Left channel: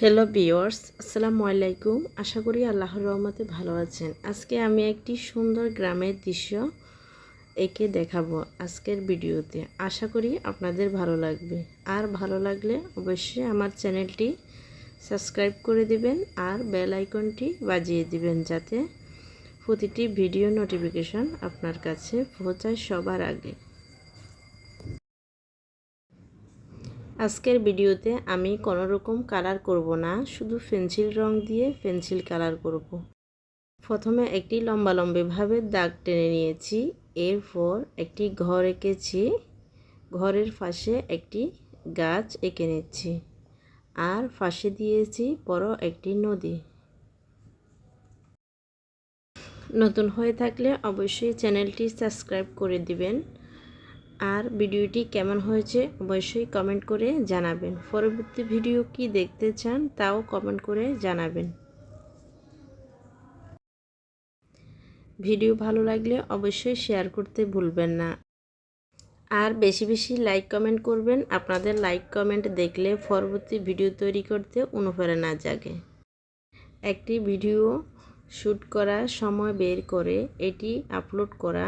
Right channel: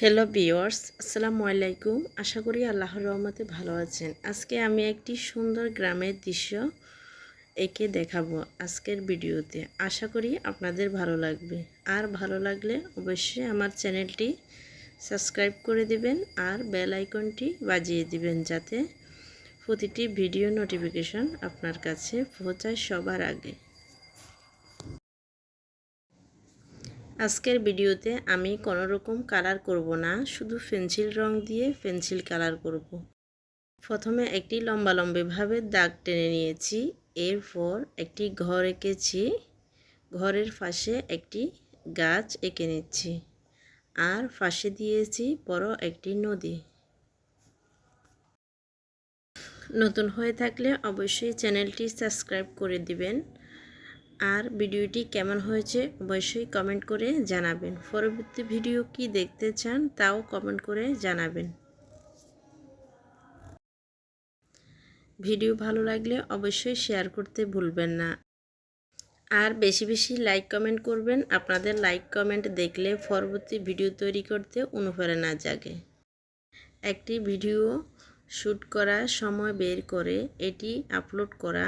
Hello viewers, আসসালামু আলাইকুম। আশা করি আল্লাহর রহমতে ভালো আছেন। আজকে আমি একটি সুন্দর গ্রামের দৃশ্য এঁকে দেখাবো আজকের ভিডিওতে। আশা করি আপনাদের ভালো লাগবে। আর ভালো লাগলে অবশ্যই আমার চ্যানেলটি সাবস্ক্রাইব করে দিবেন আর বেল আইকনটি বাজিয়ে দিবেন, যাতে প্রতিটি ভিডিও নোটিফিকেশন আপনার কাছে পৌঁছায় সবার আগে। আজকের ভিডিওতে আমি কোনো রকম কালার করব না, শুধু পেন্সিল রং দিয়ে পেন্সিল কালার করব। প্রথমে একটি লম্বাভাবে দাগ টেনে নিয়েছি, এরপর একটি ঘর এঁকেছি, ঘরের পাশে একটি গাছ এঁকে নিচ্ছি, আর পাশে দিয়েছি বড় একটি নদী। নতুন হয়ে থাকলে অবশ্যই চ্যানেলটি সাবস্ক্রাইব করে দিবেন। আর ভিডিওটি কেমন হয়েছে অবশ্যই কমেন্ট করে জানাবেন। পরবর্তী ভিডিও কি দেখতে চান তাও কমেন্ট করে জানাবেন। ভিডিও ভালো লাগলে অবশ্যই শেয়ার করতে ভুলবেন না। আর বেশি বেশি লাইক কমেন্ট করবেন। আপনাদের লাইক কমেন্ট দেখলে পরবর্তী ভিডিও তৈরি করতে অনুপ্রেরণা জাগে। একটি ভিডিও শ্যুট করার সময় বের করে এটি আপলোড করা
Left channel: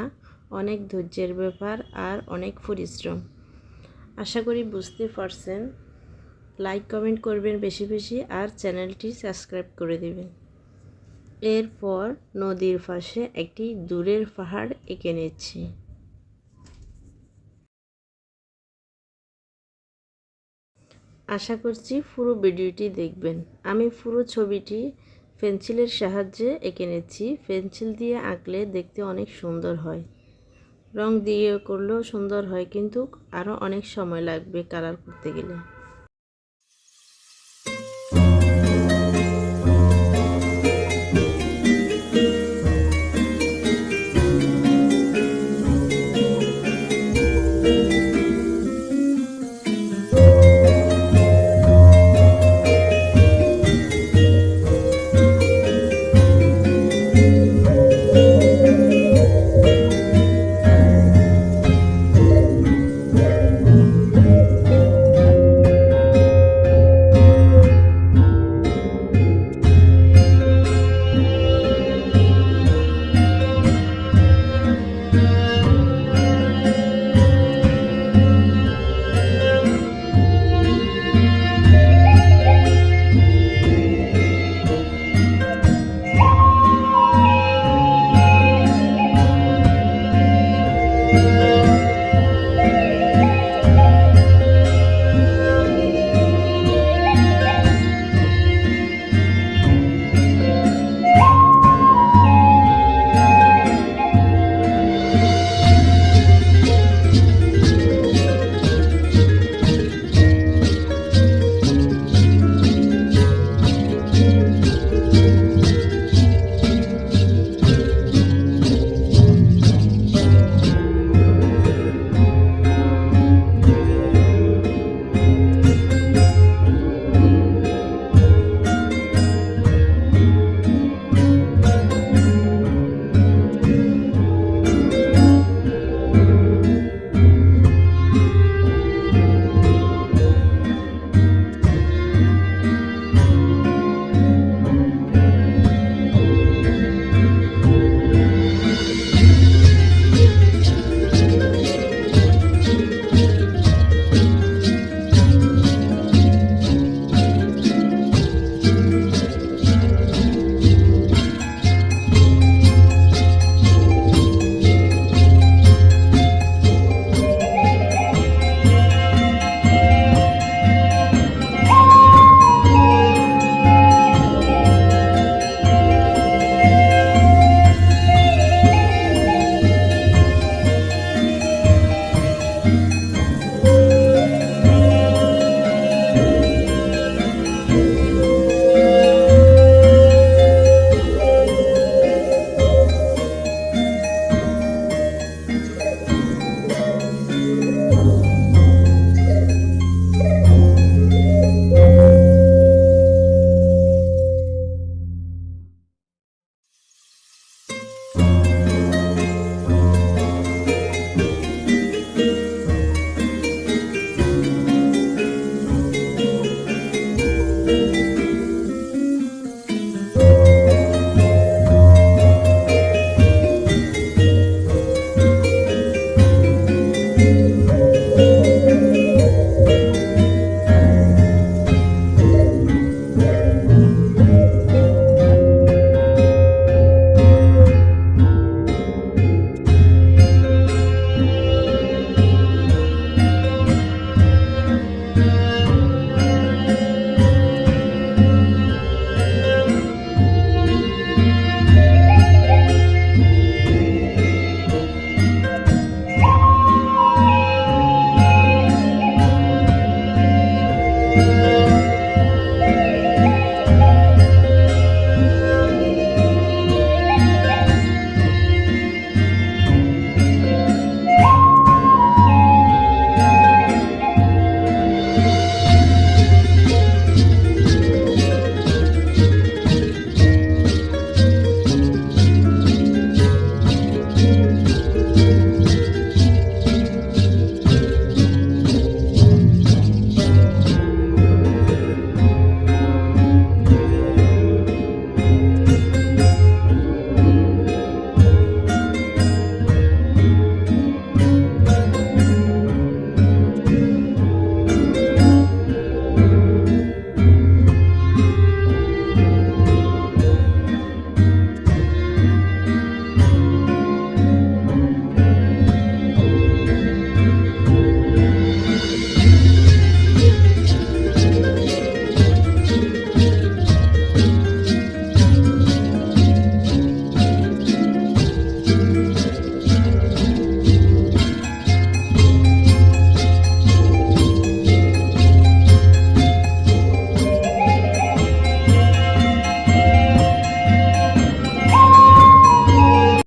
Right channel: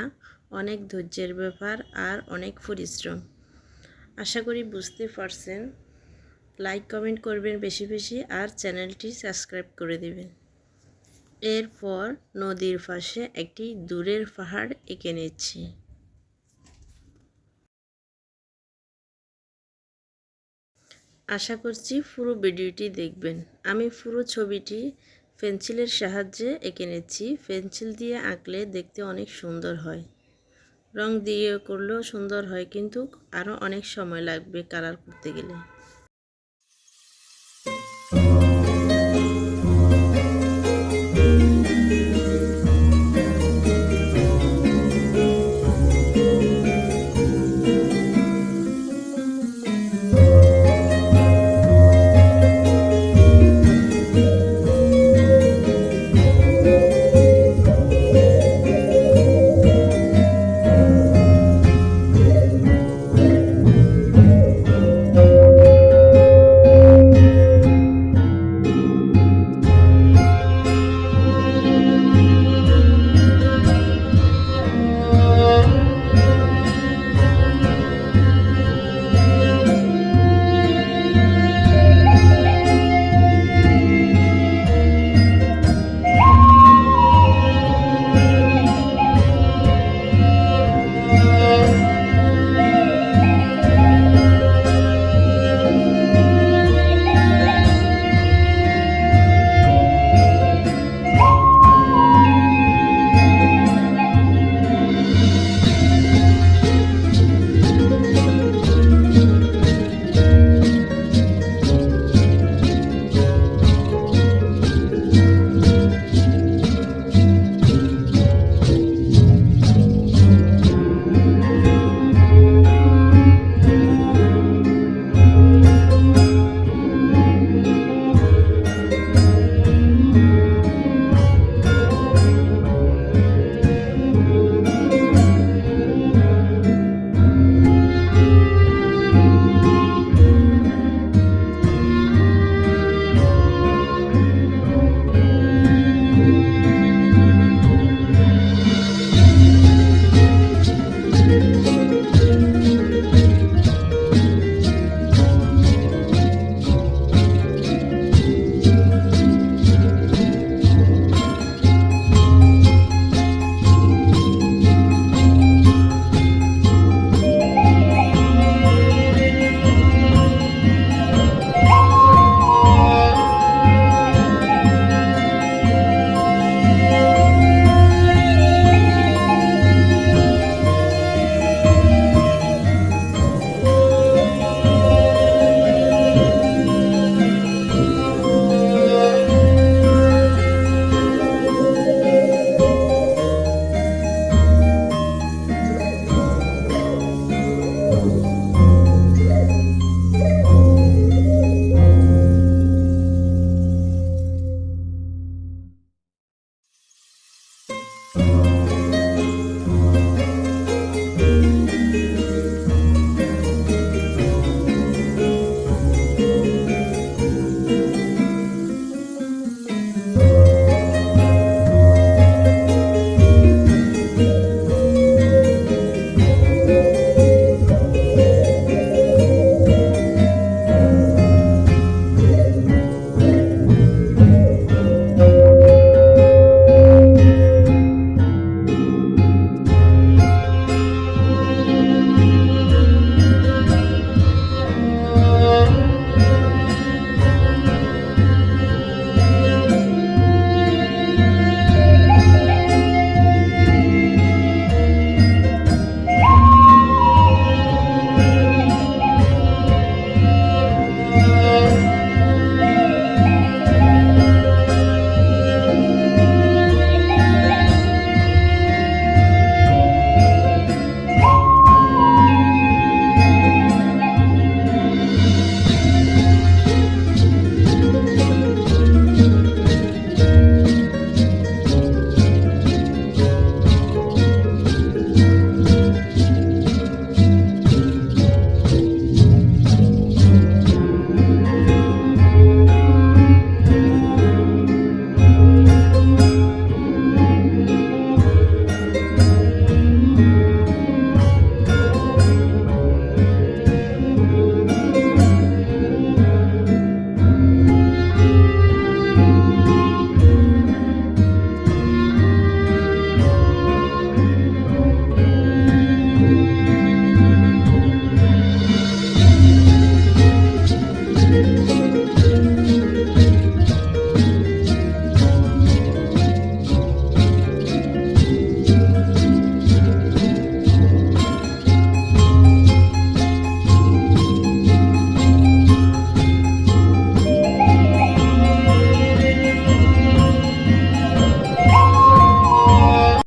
অনেক ধৈর্যের ব্যাপার আর অনেক পরিশ্রম। আশা করি বুঝতে পারছেন। লাইক কমেন্ট করবেন বেশি বেশি আর চ্যানেলটি সাবস্ক্রাইব করে দেবেন। এরপর নদীর পাশে একটি দূরের পাহাড় এঁকে নিচ্ছি। আশা করছি পুরো ভিডিওটি দেখবেন। আমি পুরো ছবিটি পেন্সিলের সাহায্যে এঁকে নিচ্ছি। পেন্সিল দিয়ে আঁকলে দেখতে অনেক সুন্দর হয়, রং দিয়ে করলেও সুন্দর হয়, কিন্তু আরও অনেক সময় লাগবে কালার করতে গেলে।